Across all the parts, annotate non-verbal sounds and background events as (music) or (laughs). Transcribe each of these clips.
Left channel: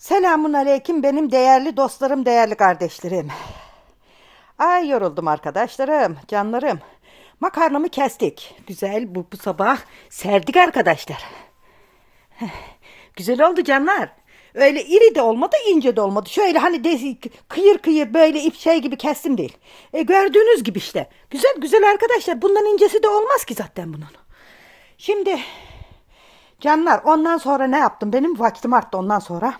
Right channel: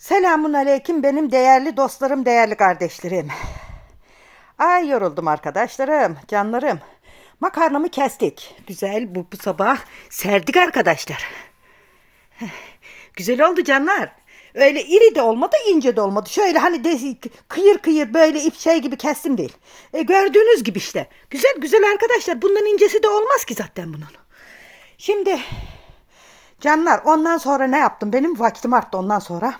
Selamun aleyküm benim değerli dostlarım, değerli kardeşlerim. Ay yoruldum arkadaşlarım, canlarım. Makarnamı kestik. Güzel bu, bu sabah serdik arkadaşlar. Güzel oldu canlar. Öyle iri de olmadı, ince de olmadı. Şöyle hani de, kıyır kıyır böyle ip şey gibi kestim değil. E, gördüğünüz gibi işte. Güzel güzel arkadaşlar. Bundan incesi de olmaz ki zaten bunun. Şimdi canlar ondan sonra ne yaptım? Benim vaktim arttı ondan sonra.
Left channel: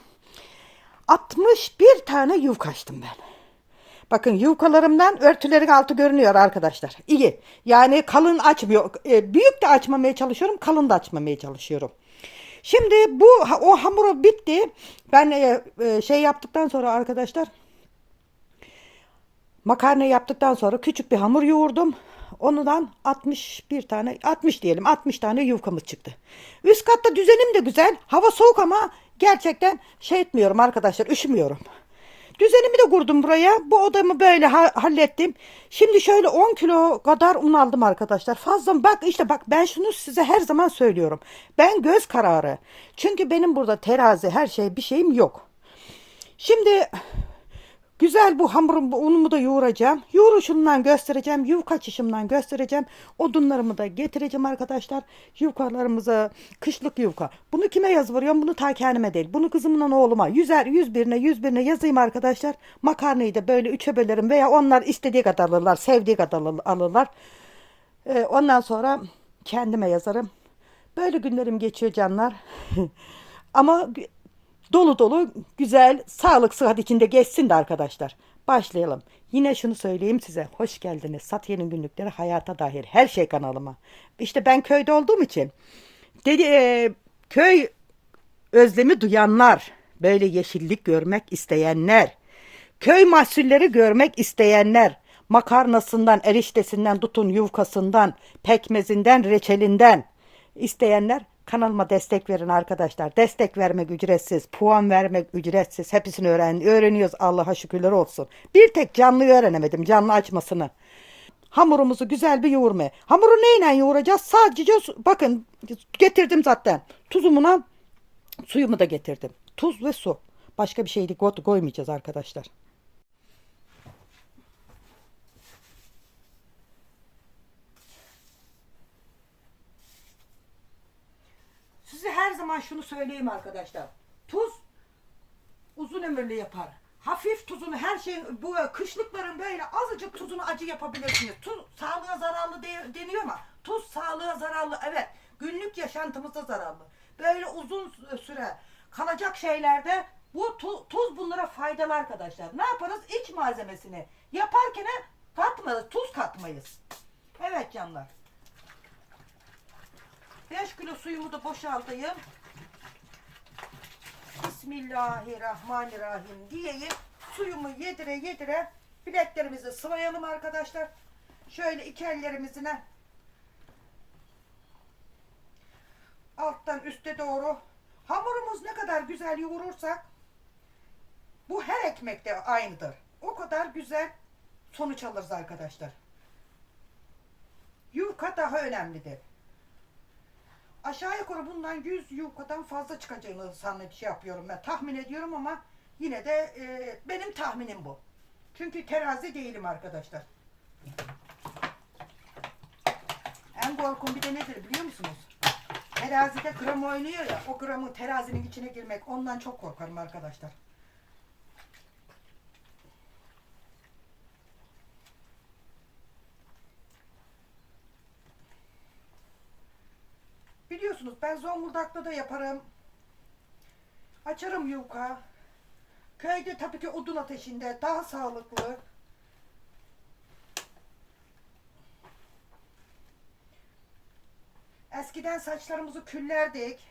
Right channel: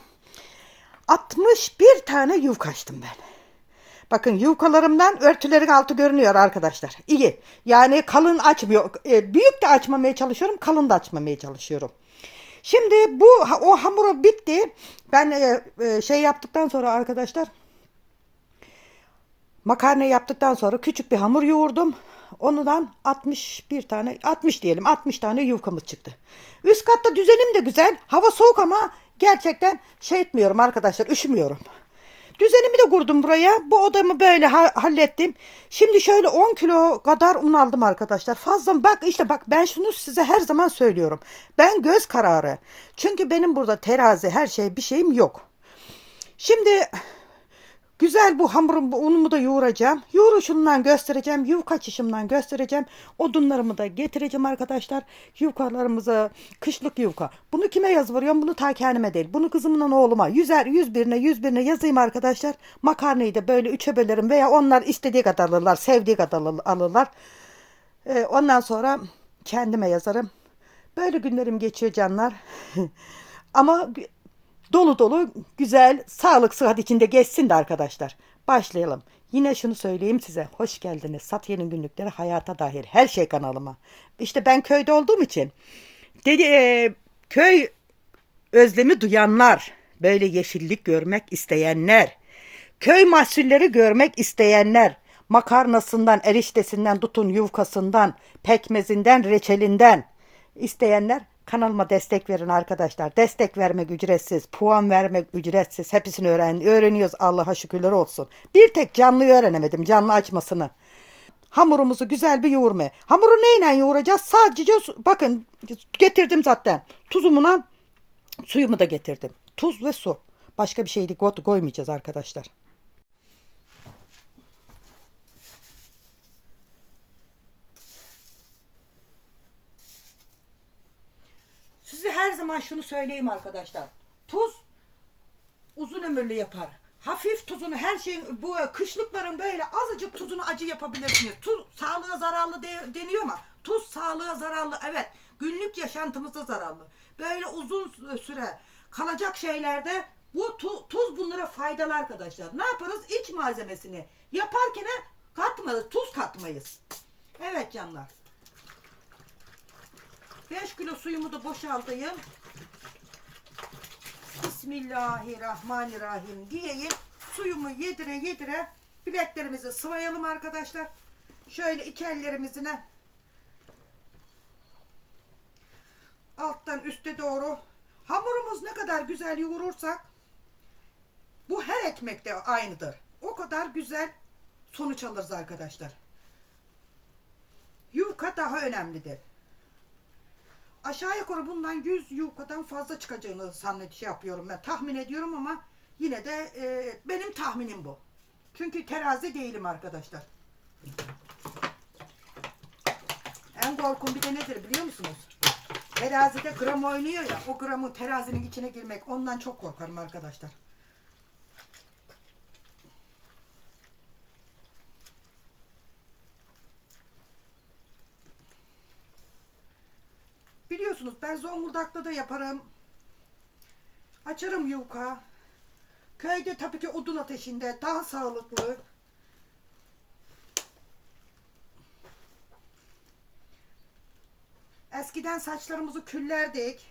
61 tane yufka açtım ben. Bakın yufkalarımdan örtülerin altı görünüyor arkadaşlar. İyi. Yani kalın açmıyor. E, büyük de açmamaya çalışıyorum. Kalın da açmamaya çalışıyorum. Şimdi bu o hamuru bitti. Ben e, e, şey yaptıktan sonra arkadaşlar makarna yaptıktan sonra küçük bir hamur yoğurdum. Ondan 61 tane 60 diyelim 60 tane yufkamız çıktı. Üst katta düzenim de güzel. Hava soğuk ama gerçekten şey etmiyorum arkadaşlar üşümüyorum. Düzenimi de kurdum buraya. Bu odamı böyle ha- hallettim. Şimdi şöyle 10 kilo kadar un aldım arkadaşlar. Fazla bak işte bak ben şunu size her zaman söylüyorum. Ben göz kararı. Çünkü benim burada terazi her şey bir şeyim yok. Şimdi güzel bu hamurum bu unumu da yoğuracağım. Yoğuruşumdan göstereceğim. Yufka açışımdan göstereceğim. Odunlarımı da getireceğim arkadaşlar. Yufkalarımızı kışlık yufka. Bunu kime yazıvırıyorum? Bunu ta kendime değil. Bunu kızımla oğluma. Yüzer, yüz birine, yüz birine yazayım arkadaşlar. Makarnayı da böyle üçe bölerim veya onlar istediği kadar alırlar. Sevdiği kadar al- alırlar. Ee, ondan sonra kendime yazarım. Böyle günlerim geçiyor canlar. (laughs) Ama dolu dolu güzel sağlık sıhhat içinde geçsin de arkadaşlar. Başlayalım. Yine şunu söyleyeyim size. Hoş geldiniz. Satiye'nin günlükleri hayata dair her şey kanalıma. İşte ben köyde olduğum için dedi e, köy özlemi duyanlar, böyle yeşillik görmek isteyenler, köy mahsulleri görmek isteyenler, makarnasından, eriştesinden, tutun yufkasından, pekmezinden, reçelinden isteyenler kanalıma destek verin arkadaşlar. Destek vermek ücretsiz, puan vermek ücretsiz. Hepsini öğren öğreniyoruz Allah'a şükürler olsun. Bir tek canlıyı öğrenemedim, canlı açmasını. Hamurumuzu güzel bir yoğurmaya. Hamuru neyle yoğuracağız? Sadece bakın getirdim zaten. Tuzumuna Suyumu da getirdim. Tuz ve su. Başka bir şey koymayacağız arkadaşlar. Size her zaman şunu söyleyeyim arkadaşlar. Tuz uzun ömürlü yapar. Hafif tuzunu her şeyin bu kışlıkların böyle azıcık tuzunu acı yapabilirsiniz. Tuz sağlığa zararlı de- deniyor ama tuz sağlığa zararlı evet. Günlük yaşantımızda zararlı. Böyle uzun süre kalacak şeylerde bu tu- tuz bunlara faydalı arkadaşlar. Ne yaparız? İç malzemesini yaparken katmayız, tuz katmayız. Evet canlar. 5 kilo suyumu da boşaltayım. Bismillahirrahmanirrahim diyeyim. Suyumu yedire yedire bileklerimizi sıvayalım arkadaşlar. Şöyle iki ellerimizine alttan üste doğru hamurumuz ne kadar güzel yoğurursak bu her ekmekte aynıdır. O kadar güzel sonuç alırız arkadaşlar. Yufka daha önemlidir. Aşağı yukarı bundan 100 yufkadan fazla çıkacağını sannet şey yapıyorum ben. Tahmin ediyorum ama yine de e, benim tahminim bu. Çünkü terazi değilim arkadaşlar. En korkum bir de nedir biliyor musunuz? Terazide gram oynuyor ya. O gramın terazinin içine girmek ondan çok korkarım arkadaşlar. Ben Zonguldak'ta da yaparım. Açarım yufka. Köyde tabii ki odun ateşinde daha sağlıklı. Eskiden saçlarımızı küllerdik.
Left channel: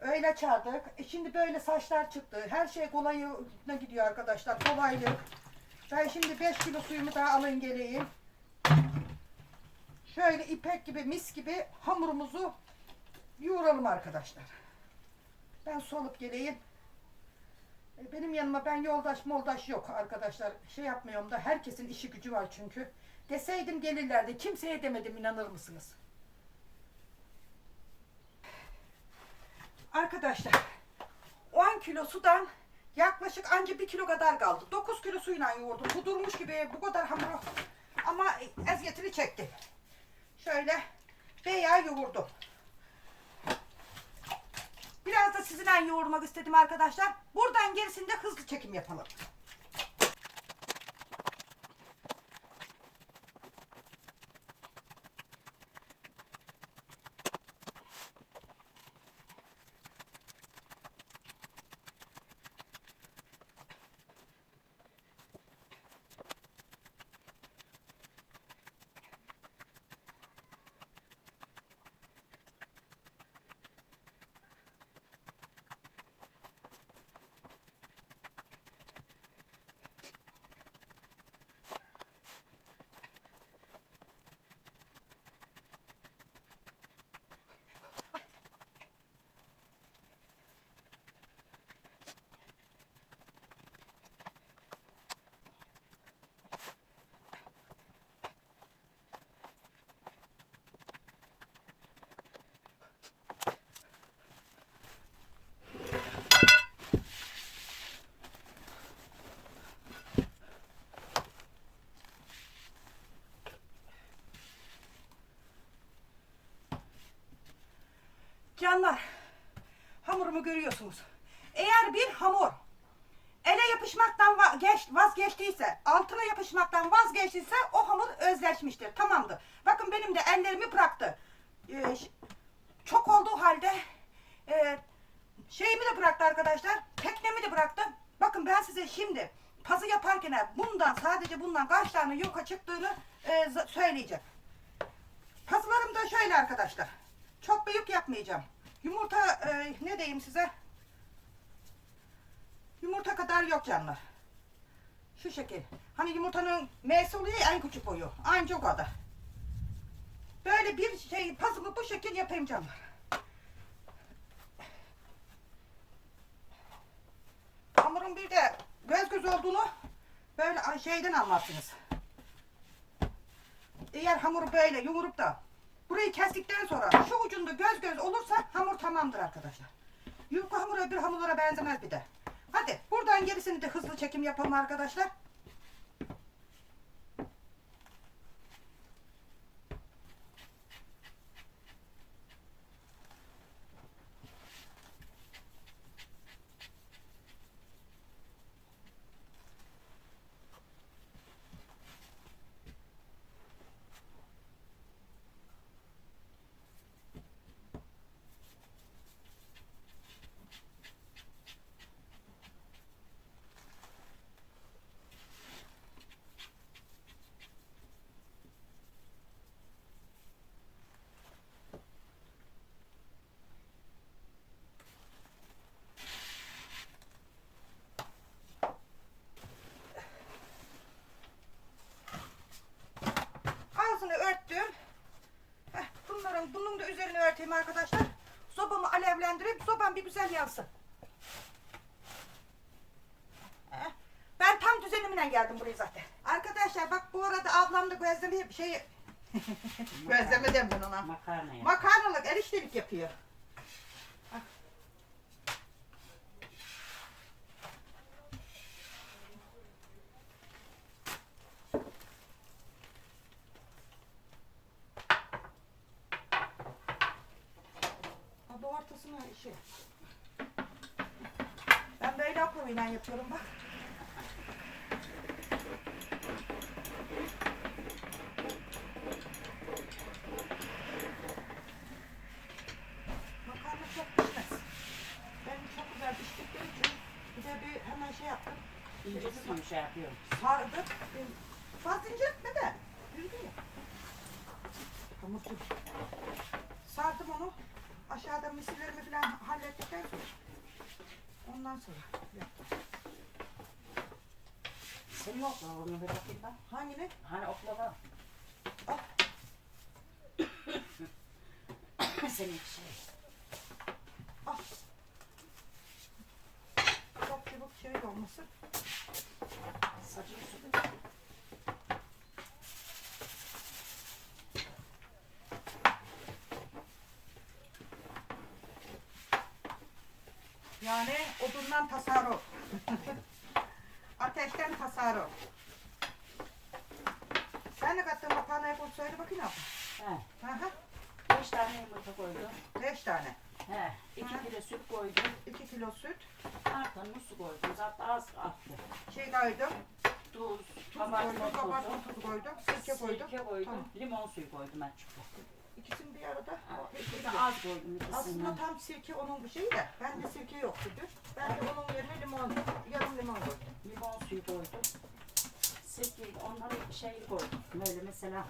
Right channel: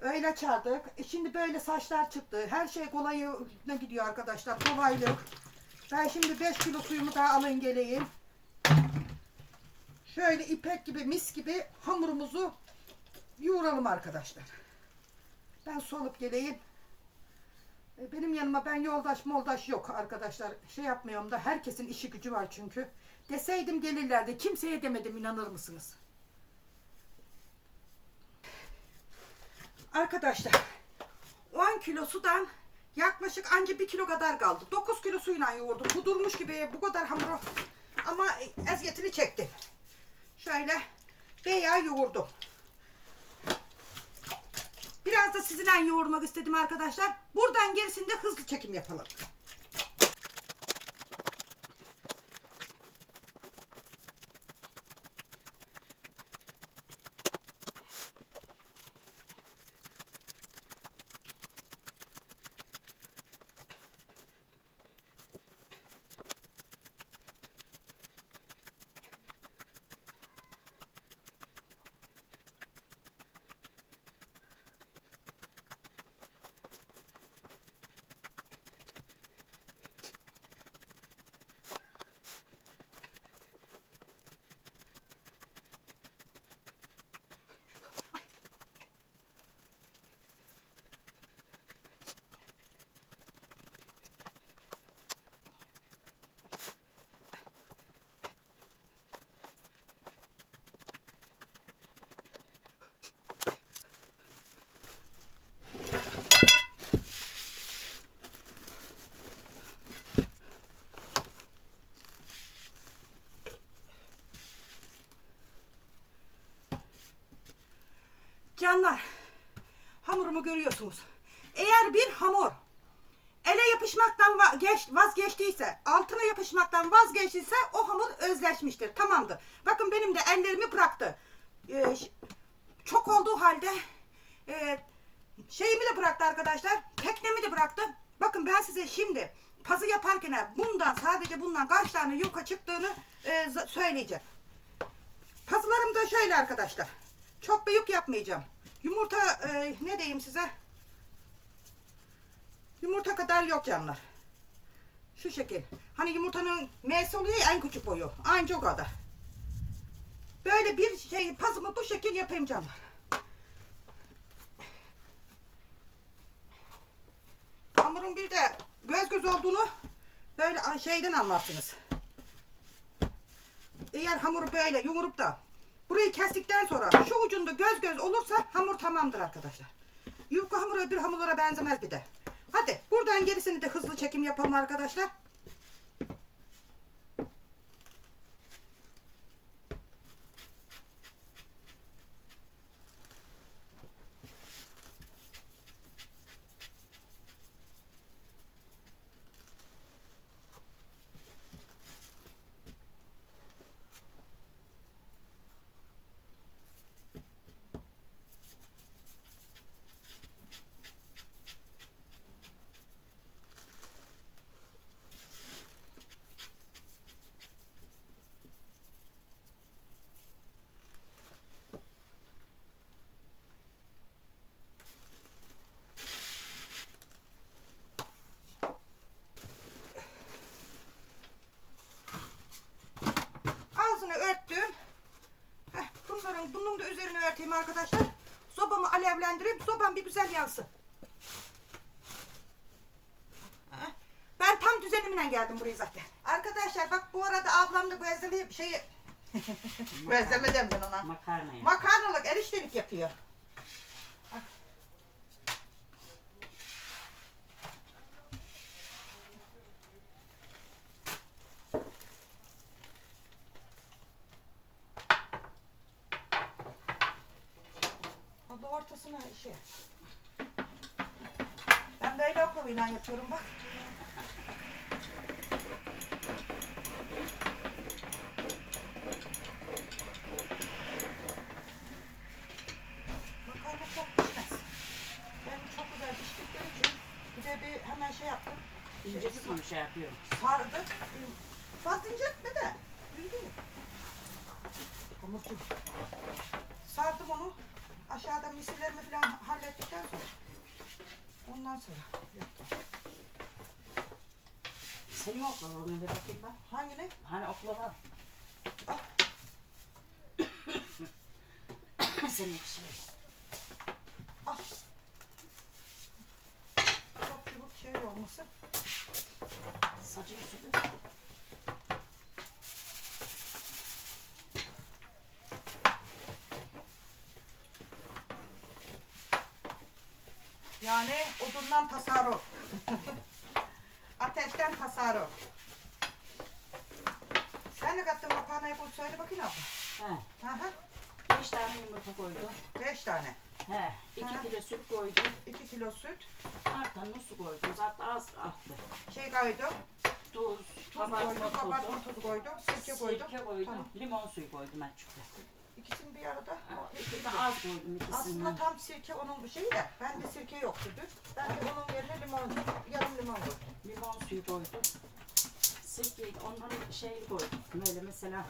Öyle açardık. E şimdi böyle saçlar çıktı. Her şey kolayına gidiyor arkadaşlar. Kolaylık. Ben şimdi 5 kilo suyumu daha alın geleyim. Şöyle ipek gibi mis gibi hamurumuzu yoğuralım arkadaşlar. Ben solup geleyim. E, Benim yanıma ben yoldaş moldaş yok arkadaşlar. Şey yapmıyorum da herkesin işi gücü var çünkü. Deseydim gelirlerdi. Kimseye demedim inanır mısınız? Arkadaşlar 10 kilo sudan yaklaşık anca bir kilo kadar kaldı. 9 kilo suyla yoğurdum. Bu durmuş gibi bu kadar hamuru ama eziyetini çekti. Şöyle veya yoğurdum. Biraz da sizinle yoğurmak istedim arkadaşlar. Buradan gerisinde hızlı çekim yapalım. Canlar, hamurumu görüyorsunuz. Eğer bir hamur ele yapışmaktan va- geç- vazgeçtiyse, altına yapışmaktan vazgeçtiyse o hamur özleşmiştir. Tamamdır. Bakın benim de ellerimi bıraktı. Ee, çok olduğu halde e, şeyimi de bıraktı arkadaşlar. Teknemi de bıraktı. Bakın ben size şimdi pazı yaparken bundan sadece bundan kaç tane yuka çıktığını e, söyleyeceğim. Pazılarım da şöyle arkadaşlar. Çok büyük yapmayacağım. Yumurta e, ne diyeyim size? Yumurta kadar yok canlar. Şu şekil. Hani yumurtanın M'si oluyor ya en küçük boyu. Aynı o kadar. Böyle bir şey pazımı bu şekil yapayım canlar. Hamurun bir de göz göz olduğunu böyle şeyden anlarsınız. Eğer hamuru böyle yoğurup da burayı kestikten sonra şu ucunda göz göz olursa hamur tamamdır arkadaşlar. Yufka hamuru öbür hamurlara benzemez bir de. Hadi buradan gerisini de hızlı çekim yapalım arkadaşlar. Ağzını örttüm. Heh, bunların bunun da üzerine örteyim arkadaşlar. Sobamı sobam bir güzel yansın. Ben tam düzenimle geldim buraya zaten. Arkadaşlar bak bu arada ablam da gözleme şey (laughs) gözleme dem ben ona. Makarna. Makarnalık eriştelik yapıyor. Abi ortasına şey. Ben böyle oklavayla yapıyorum bak. Makarna çok pişmez. Benim çok güzel piştikleri için de bir hemen şey yaptım. İncesi mi şey yapıyorum? Sardı. Fazla inceltme de. Büyüdü mü? Hamurcu. Sardım onu. Aşağıda misirlerimi falan hallettikten sonra. Ondan sonra yaptım. Senin oklava onu bir bakayım ben. Hangini? Hani oklava? Oh. (coughs) Senin bir şey. Şey olması. Saçı üstü. Yani odundan tasarruf. (laughs) Ateşten tasarruf. Sen ne kattın makarnaya koy söyle bakayım abla. He. Hı hı. Beş tane yumurta koydum. Beş tane. He. iki Ha. kilo süt koydum. İki kilo süt. Artanın su koydum. Zaten az attı. Şey koydum. Tuz, kabartma tozu, Kabartma tuzu koydum. Sirke koydum. sirke koydum. Tamam. Limon suyu koydum açıkta. İkisini bir arada. De az koydum Aslında ikisinden. tam sirke onun bir şeyi de. Bende sirke yoktu dün. Ben de onun yerine limon, yarım limon koydum. Limon suyu koydum. Sirkeyi de onları şey koydum. Böyle mesela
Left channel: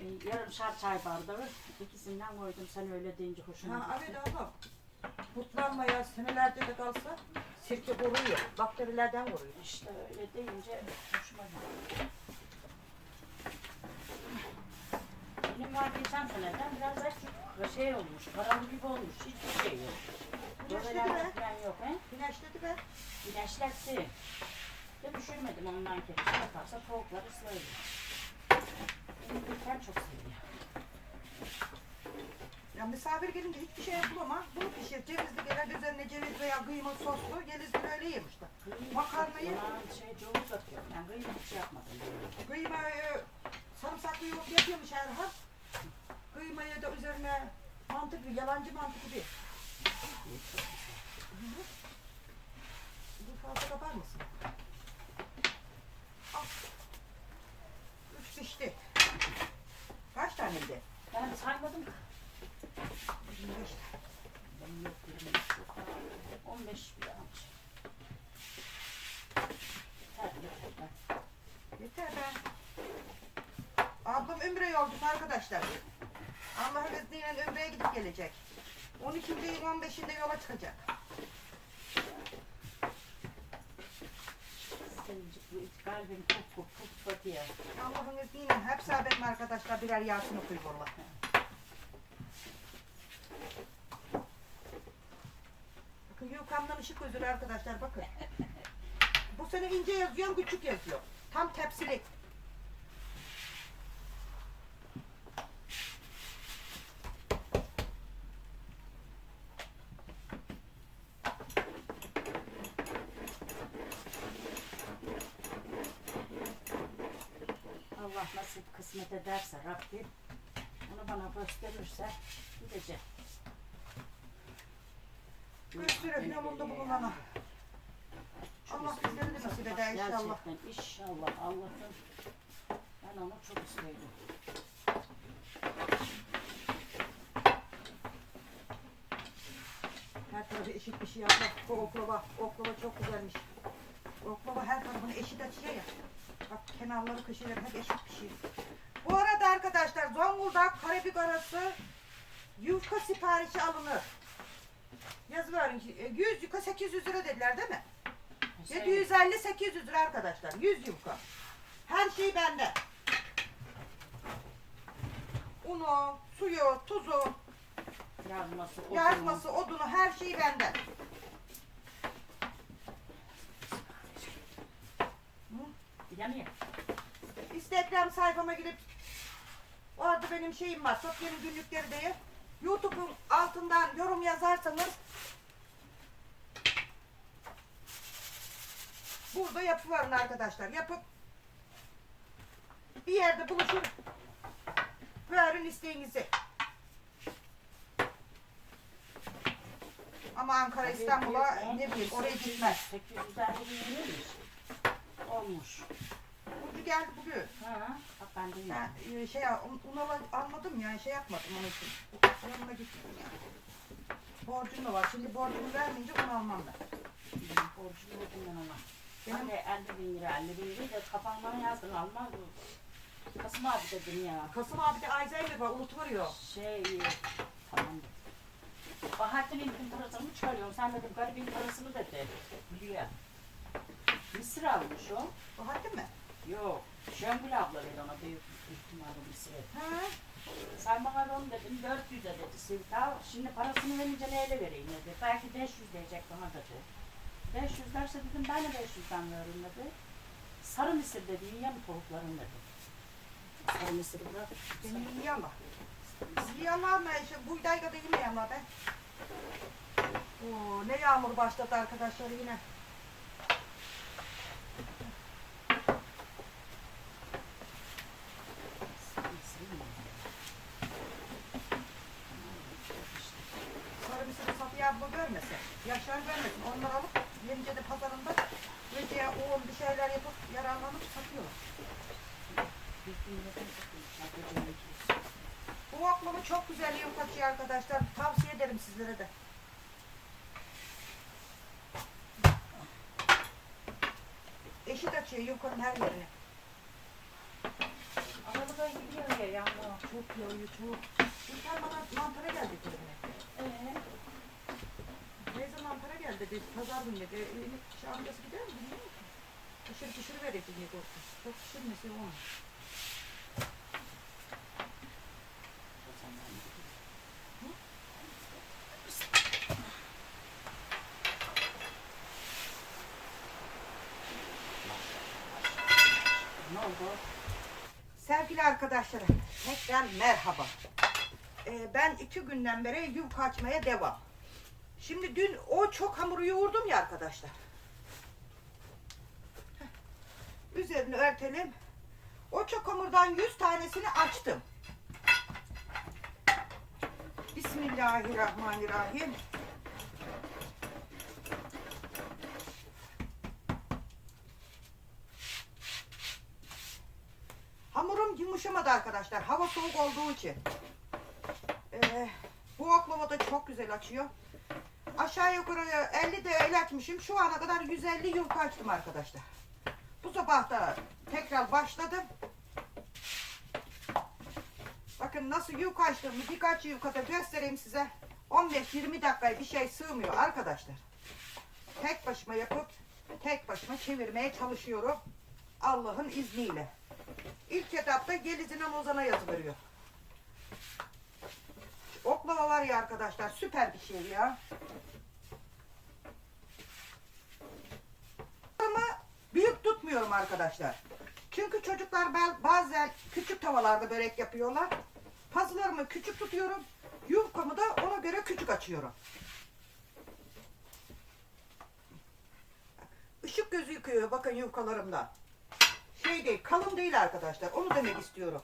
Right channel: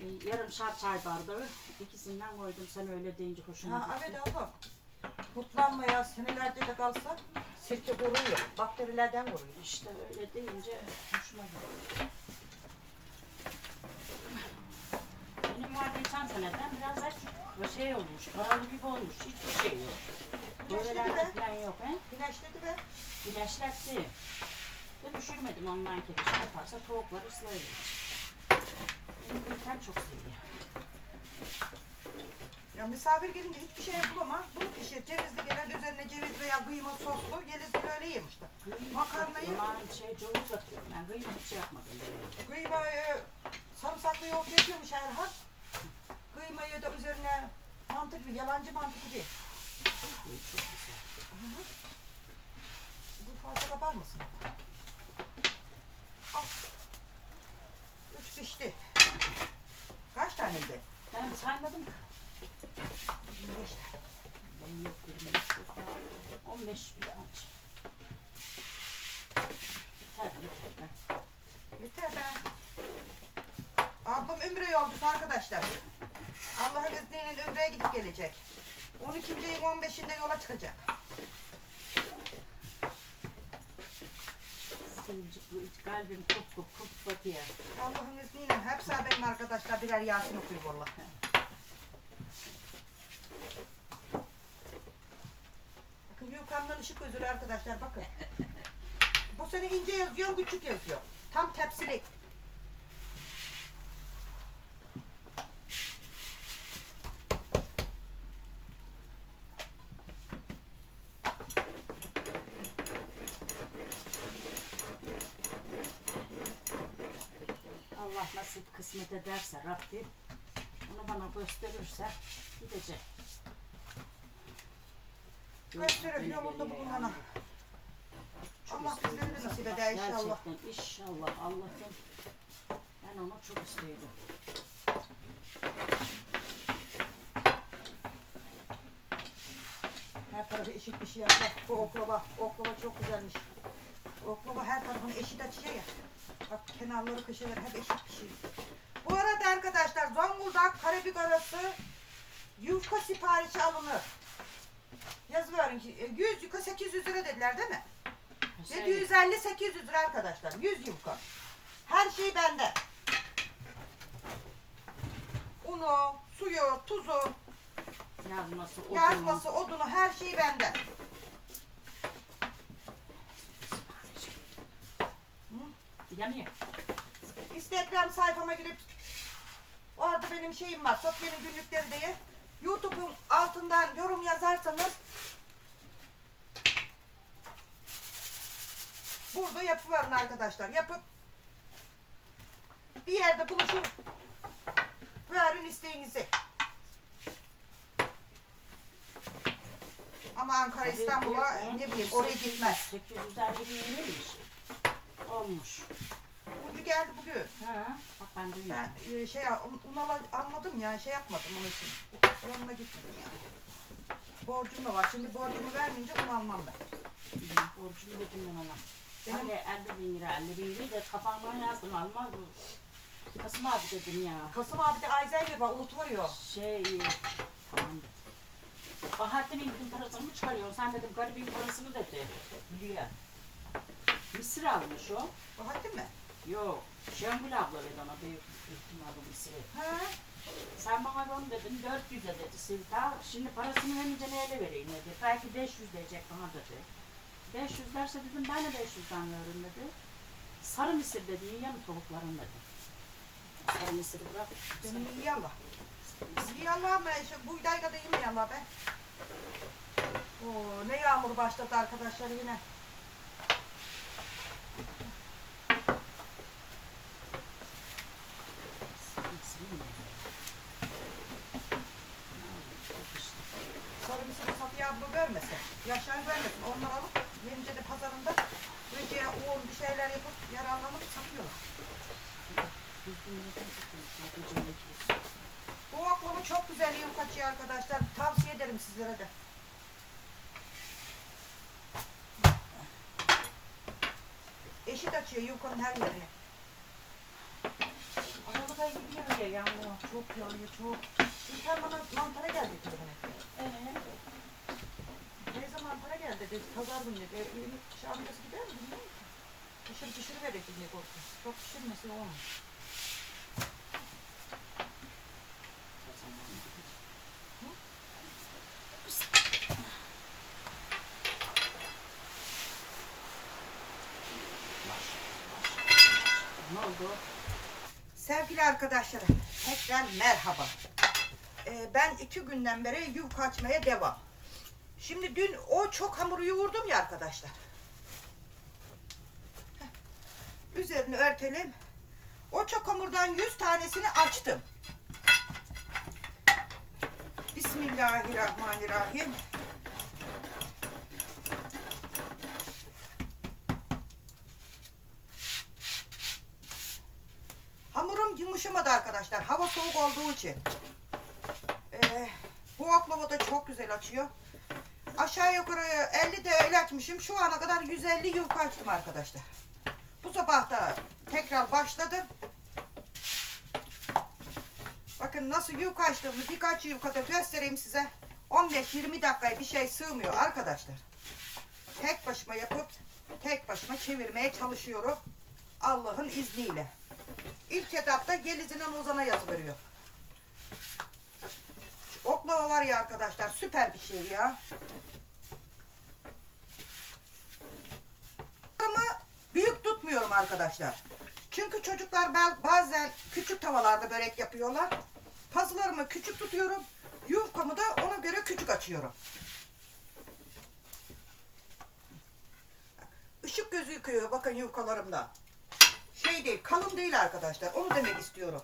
e, yarım şar çay bardağı ikisinden koydum. Sen öyle deyince hoşuma Ha, gitti. evet abla. Kurtlanmaya senelerce de kalsa sirke koruyor. Bakterilerden koruyor. İşte öyle deyince hoşuma gitti. Benim var geçen seneden biraz da şey olmuş, karalı gibi olmuş, hiçbir şey yok. Böylelerde falan yok he. Güneşledi be. İlaçlattı. Ve düşürmedim ondan kere şey yaparsa tavuklar ıslayır. Benim ülkem çok seviyor. Ya misafir gelince hiçbir şey yapılamaz. Bunu pişir. Cevizli gelen üzerine ceviz veya kıyma soslu. Yelizli böyle yemişti. Makarnayı- Yalan şey cavuz atıyorum ben. Kıyma hiç yapmadım. Kıyma e, sarımsaklı yoğurt yapıyormuş Erhan. Kıymayı da üzerine mantı gibi, yalancı mantı gibi. Bu fazla kapar mısın? Al. Üç pişti. Kaç taneydi? Ben saymadım. 25. Benim yok benim yok. 15 bile aç. Yeter yeter. ben- Yeter be. Ablam Ümre yolcusu arkadaşlar. Allah'ın izniyle Ümre'ye gidip gelecek. 12. ayın 15'inde yola çıkacak. Kalbim kup kup kup batıyor. Allah'ın izniyle hepsi benim arkadaşlar birer Yasin okuyor yukarıdan ışık gözüyle arkadaşlar bakın. Bu sene ince yazıyor, küçük yazıyor. Tam tepsili. Allah nasip kısmet ederse Rabbim onu bana gösterirse gideceğim. Gösterir Beni yolunda biliyor bulunana. Allah istedim. bizleri de nasip eder inşallah. Gerçekten inşallah Allah'ım ben onu çok istedim. Her tarafı eşit bir şey yapmak. Bu oklava, oklava çok güzelmiş. Oklava her tarafını eşit açıyor ya. Bak kenarları köşeleri hep eşit bir şey. Bu arada arkadaşlar Zonguldak Karabük arası yufka siparişi alınır. Yazıverin ki e, 100 yufka 800 lira dediler değil mi? Şey, 750-800 lira arkadaşlar. 100 yufka. Her şey bende. Unu, suyu, tuzu, yazması, odunu. yazması, odunu her şey bende. Yanıyor. Instagram sayfama girip orada benim şeyim var. Sofya'nın günlükleri diye. YouTube'un altından yorum yazarsanız burada yapıverin arkadaşlar. Yapıp bir yerde buluşun. Verin isteğinizi. Ama Ankara İstanbul'a ne bileyim oraya gitmez. 850 bin neymiş? Olmuş. Geldi bugün. Ha, bak ben duymadım. Ben e, şey un, un al- almadım ya şey yapmadım onun için. Onunla gitmedim yani. Borcum da var. Şimdi borcumu vermeyince un almam ben. Benim borcum dedim ben ona. Benim- Ben de 50 bin lira, 50 bin lirayı da kafamdan yazdım. Almaz mı? Kasım abi dedim ya. Kasım abi de Alzheimer var unutuyor. Şey, tamam. Bahattin'in parasını mı çıkarıyorsun? Sen dedim garibin parasını dedi. Biliyor. Mısır almış o. Bahattin mi? Yok. Şengül abla dedi ona büyük ihtimalle Mısır'ı. Ha? Sen bana onu dedin 400'e dedi Sivta. Şimdi parasını verince neyle vereyim dedi. Belki 500 diyecek bana dedi. 500 derse dedim ben de 500'den veririm dedi. Sarı mısır dedi yiyen tavukların dedi. Sarı mısırı bırak. Ama. İyi ama ama işte buğday kadar yemiyor ama ben. Oo, ne yağmur başladı arkadaşlar yine. Sonra bizim Safiye abla görmesin. Yaşar görmesin. Onları alıp Yenice'de pazarında böceğe un bir şeyler yapıp yararlanıp satıyorlar. Bu oklama çok güzel yem kaçıyor arkadaşlar. Tavsiye ederim sizlere de. Eşit açıyor yukarının her yerine. Aralık'a gidiyor ya yağmur. Çok yağıyor çok. Bir tane bana mantara geldi telefona. Ee, Mantara geldi dedi. Pazar dedi. Elini şey amcası gidiyor mu bilmiyor musun? Pişir pişir verecek diye korktu. Çok pişirmesi olmaz. Sevgili arkadaşlarım, tekrar merhaba. Ee, ben iki günden beri yufka açmaya devam. Şimdi dün o çok hamuru yoğurdum ya arkadaşlar. Üzerini örtelim. O çok hamurdan 100 tanesini açtım. Bismillahirrahmanirrahim. Hamurum yumuşamadı arkadaşlar. Hava soğuk olduğu için. Ee, bu oklava da çok güzel açıyor. Aşağı yukarı 50 de öyle açmışım. Şu ana kadar 150 yufka açtım arkadaşlar. Bu sabah da tekrar başladım. Bakın nasıl yufka açtığımı birkaç yufkada göstereyim size. 15-20 dakikaya bir şey sığmıyor arkadaşlar. Tek başıma yapıp tek başıma çevirmeye çalışıyorum. Allah'ın izniyle. İlk etapta Geliz'in Ozan'a yazı. Şu Oklava var ya arkadaşlar süper bir şey ya. Büyük tutmuyorum arkadaşlar. Çünkü çocuklar ba- bazen küçük tavalarda börek yapıyorlar. Pazılarımı küçük tutuyorum. Yufkamı da ona göre küçük açıyorum. Işık gözüküyor bakın yufkalarımda şey değil, kalın değil arkadaşlar. Onu demek istiyorum.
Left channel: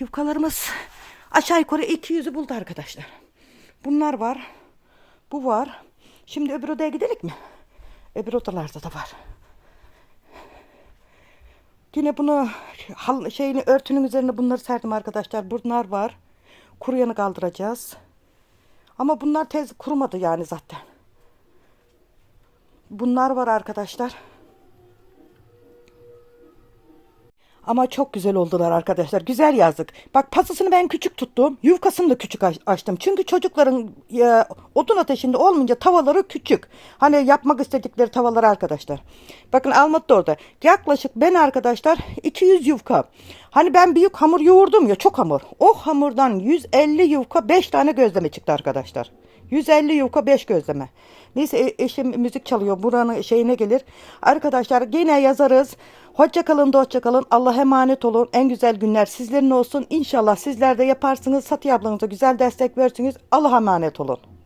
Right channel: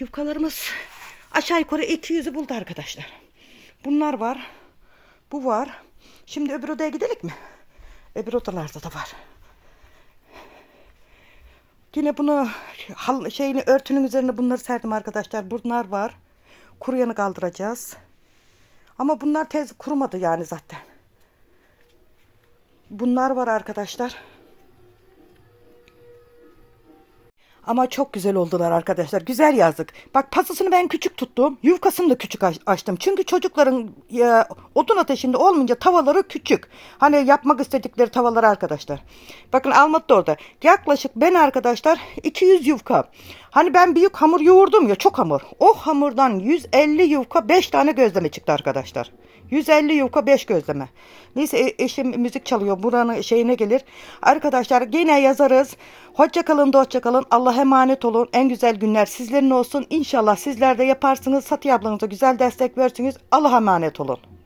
Yufkalarımız aşağı yukarı 200'ü buldu arkadaşlar. Bunlar var. Bu var. Şimdi öbür odaya gidelim mi? Öbür odalarda da var. Yine bunu hal, şeyini örtünün üzerine bunları serdim arkadaşlar. Bunlar var. Kuruyanı kaldıracağız. Ama bunlar tez kurumadı yani zaten. Bunlar var arkadaşlar. Ama çok güzel oldular arkadaşlar. Güzel yazdık. Bak pasısını ben küçük tuttum. Yufkasını da küçük aç- açtım. Çünkü çocukların e, odun ateşinde olmayınca tavaları küçük. Hani yapmak istedikleri tavalar arkadaşlar. Bakın almadı da orada. Yaklaşık ben arkadaşlar 200 yufka. Hani ben büyük hamur yoğurdum ya çok hamur. O hamurdan 150 yufka 5 tane gözleme çıktı arkadaşlar. 150 yufka 5 gözleme. Neyse eşim müzik çalıyor. Buranın şeyine gelir. Arkadaşlar yine yazarız. Hoşça kalın hoşça kalın. Allah'a emanet olun. En güzel günler sizlerin olsun. İnşallah sizler de yaparsınız. Satı ablanıza güzel destek versiniz. Allah'a emanet olun.